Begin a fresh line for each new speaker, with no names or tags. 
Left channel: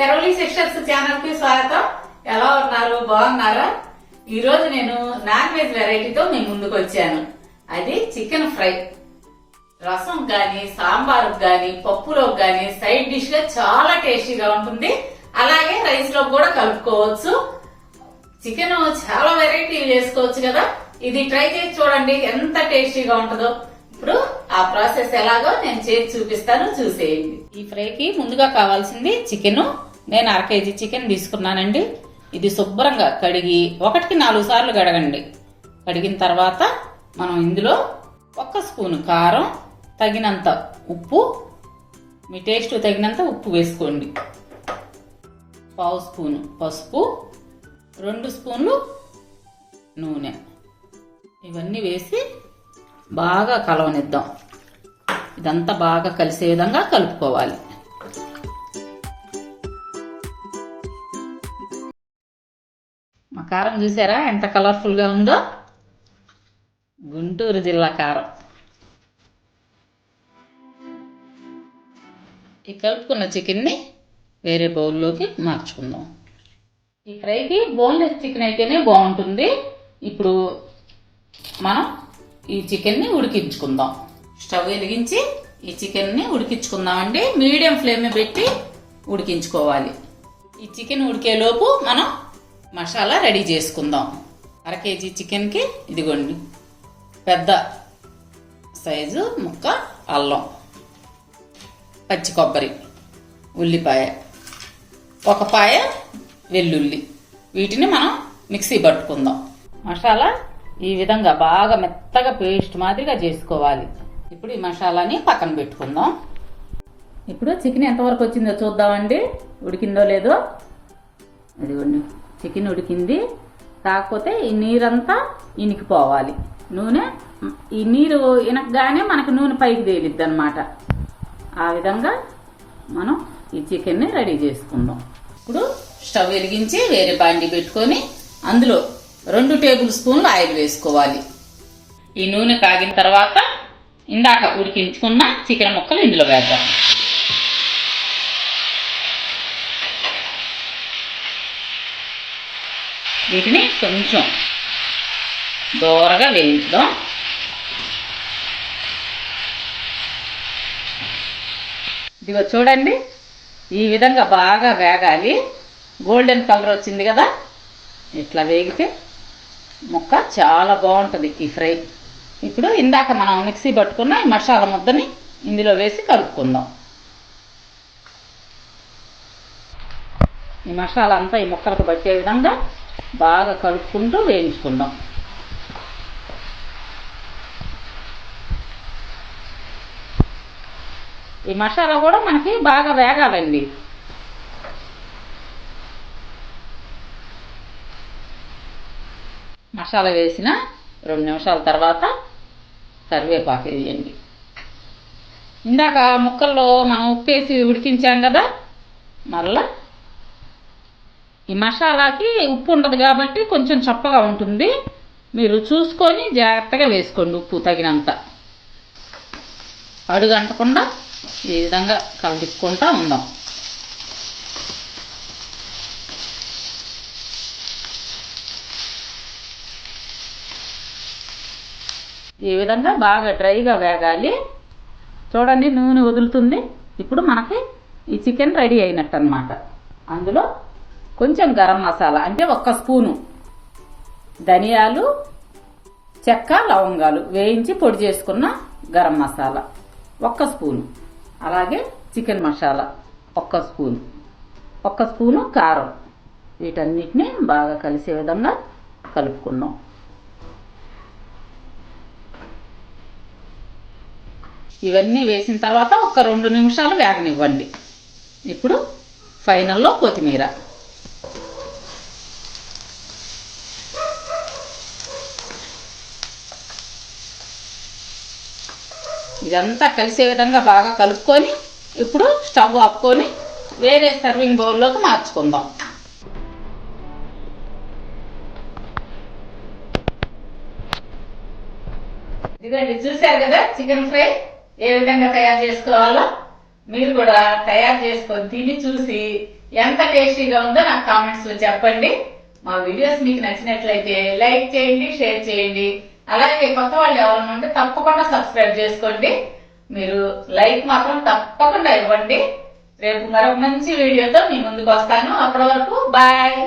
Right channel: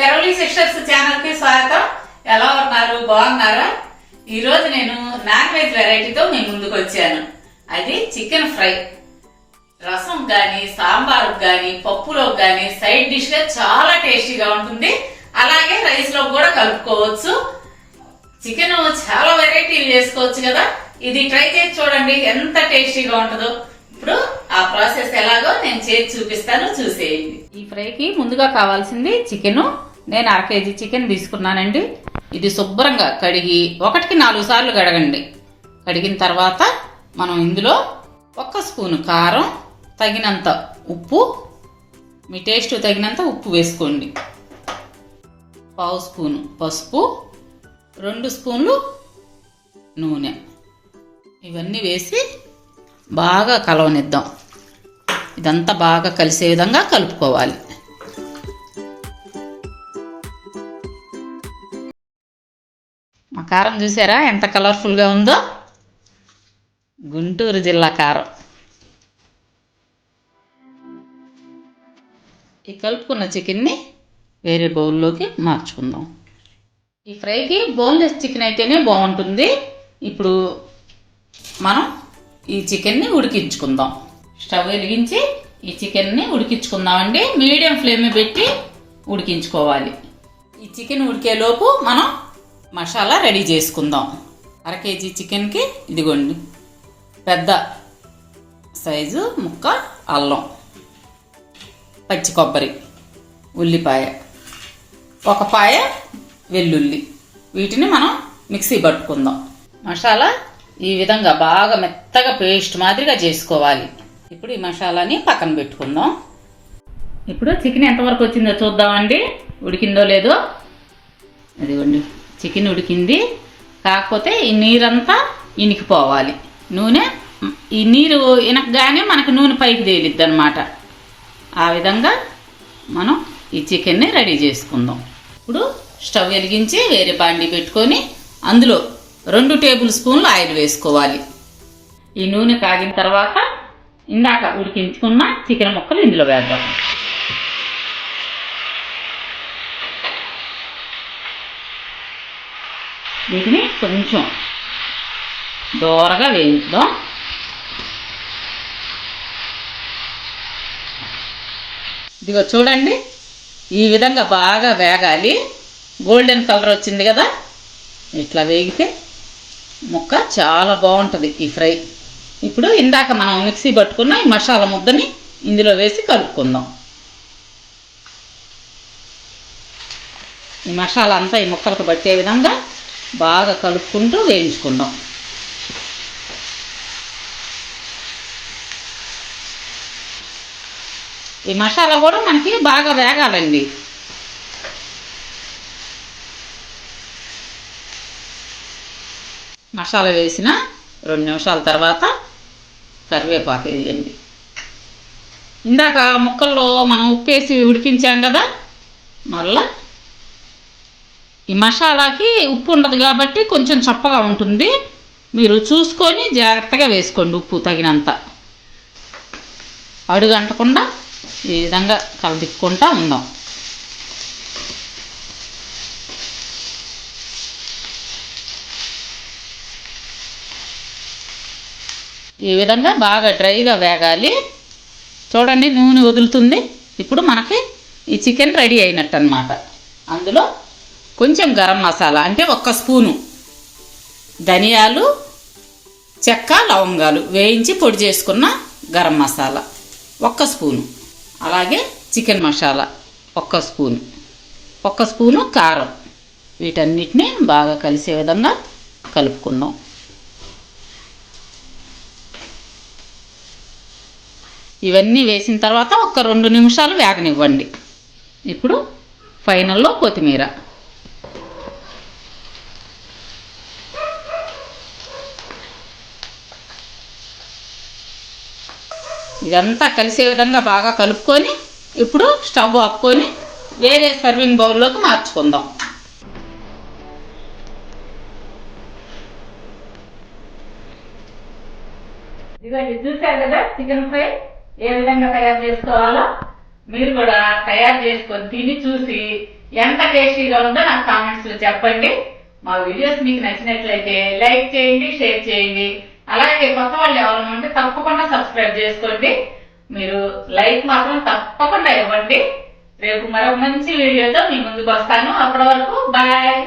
Peravali sisters ఛానల్కి స్వాగతం. ఎలా ఉన్నారు? బాగున్నారా? ఈ రోజు నేను నాన్ వెజ్ వెరైటీతో మీ ముందుకు వచ్చాను. అది చికెన్ ఫ్రై. రసం కానీ సాంబార్ కానీ పప్పులో కానీ సైడ్ డిష్గా చాలా టేస్టీగా ఉంటుంది. అలాగే రైస్లో కూడా కలుపుకోవచ్చు. చికెన్ చాలా వెరైటీలు చేసుకోవచ్చు కదా? ఇది ట్రై చేసి చూడండి ఎంత టేస్టీగా ఉంటుందో. ఇప్పుడు ఆ ప్రాసెస్ ఎలాగో నేను చేసి చూపిస్తాను చూసేయండి. ఈ ఫ్రైకి ముందుగా కావాల్సింది చికెను. నేను అర కేజీ చికెన్ తీసుకున్నానండి. ఇది శుభ్రంగా కడిగి ఒకటికి నాలుగు సార్లు కడగండి. కడిగిన తర్వాత మనం ఇందులో ఒక్క స్పూన్ కారం తగినంత ఉప్పు మీ టేస్ట్ తగినంత ఉప్పు వేసుకోండి. పావు స్పూను పసుపు రెండు స్పూన్లు నూనె. ఇవన్నీ వేసి బాగా కలవనిద్దాం. ఇదంతా బాగా కలిసే విధంగా కలుపుకోవాలి. మా కారం చూసారా? ఎంత కలర్ఫుల్గా ఉందో? గుంటూరు జిల్లా కారం. ఈ కలుపుకున్న చికెన్ని వేరే బౌల్లోకి మార్చుకుందాం. ఈ ఫ్రైకి బోన్లెస్ చికెన్ అయితేనే బాగుంటుంది. ఇప్పుడు మనం ఈ చికెన్ని ఉడికించుకుందాం. స్టవ్ వెలిగించి ఈ చికెన్ని ఉడికించుకుందామండి. మీడియం ఫ్లేమ్ పెట్టి ఉడికించుకోవాలి. ఈ చికెన్ ఉడికేలోపు మనం మసాలా రెడీ చేసుకుందాం. అర కేజీ చికెన్కి ఇదిగోండి. పెద్ద సైజు ముక్క అల్లం పచ్చి కొబ్బరి ఉల్లిపాయ ఒక పాయ వెల్లుల్లి. వీటిని మనం మిక్సీ పట్టుకుందాం. మసాలా ఈ విధంగా బాగా మెత్తగా పేస్ట్ మాదిరిగా చేసుకోవాలి. ఇప్పుడు ఈ మసాలాని పక్కన పెట్టుకుందాం. ఇప్పుడు చికెన్ ఎంతవరకు వచ్చిందో చూద్దామండి. ఉడికిందో లేదో. ఇదిగోండి. చికెన్ ఉడికింది. కాకపోతే ఈ నీరంతా ఇనికిపోవాలి. నూనె ఈ నీరు ఇనకగానే మనకు నూనె పైకి తేలిద్ది అనమాట ఆ విధంగా మనం ఈ చికెన్ని రెడీ చేసుకుందాం. ఇప్పుడు స్టవ్ వెలిగించి వేరే బాండి పెట్టుకొని అందులో రెండు టేబుల్ స్పూన్లు ఆయిల్ వేసుకోవాలి. ఈ నూనె కాగిన తర్వాత ఇందాక ఉడికించుకున్న చికెన్ ముక్కలు ఇందులో వేద్దాం. వీటిని కొంచెం దూరగా వేయించుదాం. ఇదిగో చూడండి ఈ విధంగా బాగా వేగాలి. గోల్డెన్ కలర్ వచ్చింది కదా? ఇట్లా వేగితే ముక్క చాలా బాగుంటుంది ఈ ఫ్రై. ఇప్పుడు ఇందాక మనం మిక్సీ పట్టుకున్న ఈ మసాలా ముద్దని ఇందులో వేసి కలుపుకుందాం. ఈ మసాలా అంతా ఈ ముక్కలకు పట్టే విధంగా బాగా కలుపుకుంటూ వేయించుకుందాం ఈ మసాలా కూడా మనకి బాగా వేగాలండి. మసాలా వేసిన రెండు నిమిషాల తర్వాత కరివేపాకు వేయండి. ఇందాక ముక్కల్లో మనం ఉప్పేసి ఉడికించాం కదా మళ్ళా ఈ మసాలాకి ఉప్పు ఉండదు కాబట్టి కొంచెం చప్పగా ఉంటుంది. మీరు చూసుకొని జాగ్రత్తగా వేసుకోండి ఉప్పు తగినంత. అడుగంటకుండా ఈ విధంగా కలదిక్కుంటా ఉందాం. ఈ విధంగా బాగా డ్రైగా వేగాలి. చూడండి నూనె వదులుతుంది. ఇప్పుడు మనకి ఈ చికెన్ రెడీ అయినట్టు అనమాట అందులో కొంచెం గరం మసాలా అంటే ఒక్క స్పూను. ధనియాలు చెక్క లవంగాలు వేయించి పొడి చేసుకున్న గరం మసాలా ఒక్క స్పూను. అలాగే చికెన్ మసాలా ఒక్క స్పూను. ఒక్క స్పూను కారం. వీటన్నిటిని బాగా కలిసే విధంగా కలుపుకుందాం. ఇవన్నీ వేసిన తర్వాత ఒక రెండు నిమిషాలు వేగనివ్వండి. ఇప్పుడు ఫైనల్లో కొత్తిమీర. ఇదంతా కలిసే విధంగా బాగా కలుపుకొని ఇప్పుడు స్టవ్ ఆపుకొని వేరే సర్వింగ్ బౌల్లోకి మార్చుకుందాం. ఇదండి చూశారు కదా చికెన్ ఫ్రై ఏ విధంగా తయారు చేసుకోవాలో? మీరు కూడా తయారు చేసుకొని తిని చూసి ఎంత టేస్టీగా ఉందో నాకు కామెంట్స్లో చెప్పండి. మా వీడియోస్ మీకు నచ్చినట్లయితే లైక్ చేయండి షేర్ చేయండి. అలాగే కొత్త వాళ్ళు ఎవరైనా ఉంటే తప్పకుండా సబ్స్క్రైబ్ చేసుకోండి. మీరు లైక్ మాత్రం తప్పకుండా ఇవ్వండి. రేపు మరో మంచి వీడియోతో మీ ముందుకు వస్తాను. అప్పటి వరకు బాయ్